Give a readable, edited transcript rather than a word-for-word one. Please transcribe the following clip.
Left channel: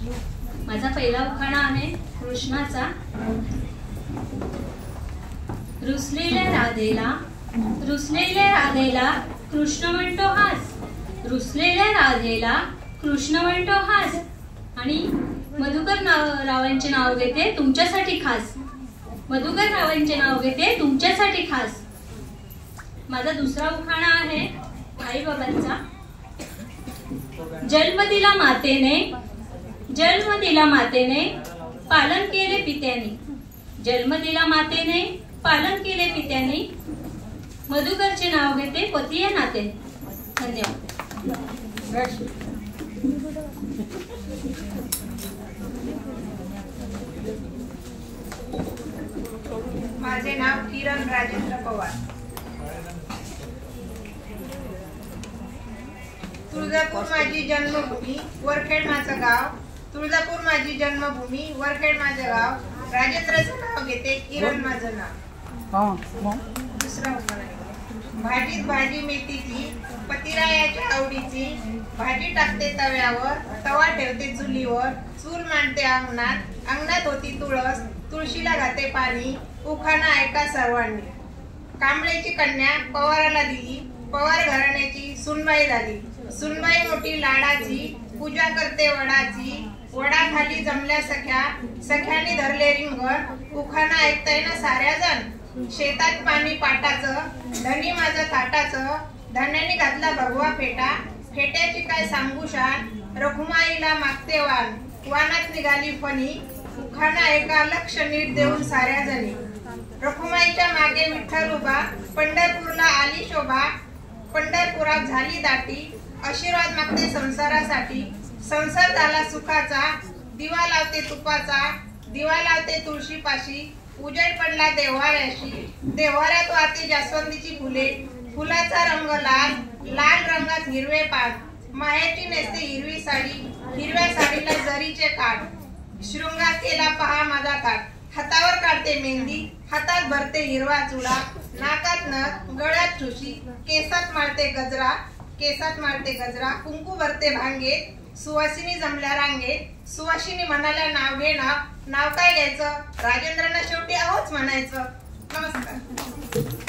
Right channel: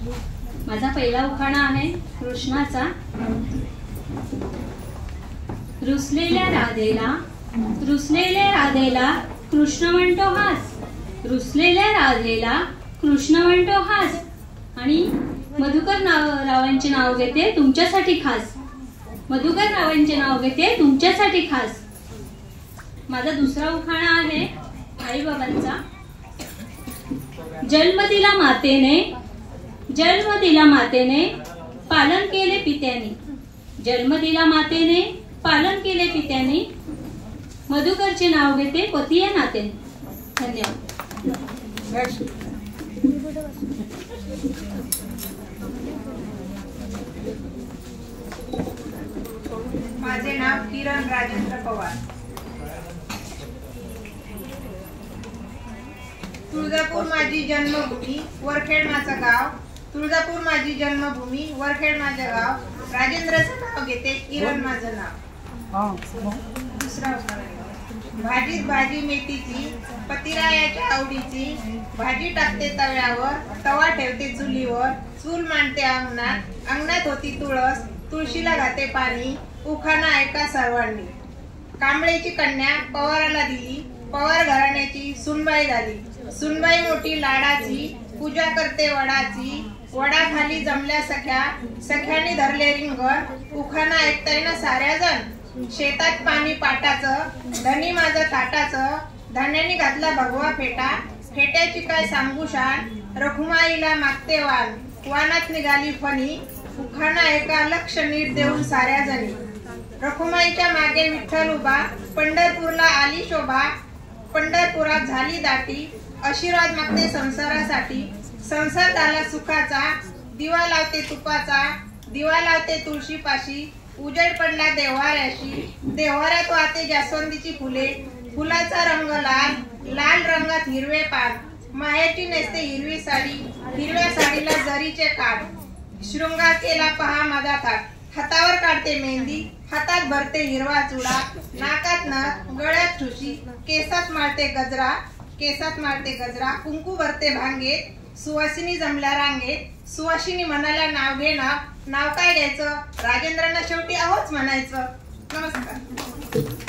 माझा पहिला उखाणा आहे कृष्णाचा। रुसलेल्या राधेला कृष्ण म्हणतो हास, रुसलेल्या राधेला कृष्ण म्हणतो हास। आणि मधुकर रावांचे नाव घेते तुमच्यासाठी खास, मधुकर रावांचे नाव घेते तुमच्यासाठी खास। माझा दुसरा उखाणा आहे आई बाबांचा। जन्म दिला मातेने पालन केले पित्याने, जन्म दिला मातेने पालन केले पित्याने। मधुकरचे नाव घेते पती या नातेने। धन्यवाद। माझे नाव किरण राजेंद्र पवार। तुळजापूर माझी जन्मभूमी, वरखेड माझं गाव। तुळजापूर माझी जन्मभूमी, वरखेड माझं गाव। राजेंद्रचं नाव घेते, किरण माझं नाव। दुसरा भाजीत भाजी मेथीची, पतिरायाच्या आवडीची। भाजी टाकते तव्यावर, तवा ठेवते चुलीवर। चूल मांडते अंगणात, अंगणात होती तुळस। तुळशीला घाते पाणी, उखाणा ऐका सर्वांनी। कांबळेची कन्या पवाराला दिली, पवार घराण्याची सुनबाई झाली। सुनबाई मोठी लाडाची, पूजा करते वडाची। वडाखाली जमल्या सख्या, सख्यानी धरले रिंगण। उखाणा ऐकताय ना साऱ्या जण, शेतात पाणी पाटाचं। धनी माझं ताटाचं, धन्यानी घातला भगवा फेटा। फेट्याची काय सांगू शान, रखुमाईला मागते वाण। वानात निघाली फणी, उखाणा एका लक्ष नीट देऊन साऱ्या जणी। रखुमाईच्या मागे विठ्ठल उभा, पंढरपूरला आली शोभा। पंढरपुरात झाली दाटी, आशीर्वाद मागते संसारासाठी। संसार झाला सुखाचा, दिवा लावते तुपाचा। दिवा लावते तुळशीपाशी, उजेड पडला देव्हाऱ्याशी। देव्हाऱ्यात वाहते जास्वंदीची फुले, फुलाचा रंग लाल, लाल रंगात हिरवे पान। माहेरची नेसते हिरवी साडी, हिरव्या साडीला जरीचे काठ। शृंगार केला पहा माझा थाट, हातावर काढते मेहंदी, हातात भरते हिरवा चुडा। नाकात नथ, गळ्यात ठुशी, केसात मारते गजरा, केसात मारते गजरा। कुंकू भरते भांगेत, सुवासिनी जमल्या रांगेत। सुवासिनी म्हणाल्या नाव घे नाव, नाव काय घ्यायचं? राजेंद्रांना शेवटी आवच म्हणायचं। नमस्कार।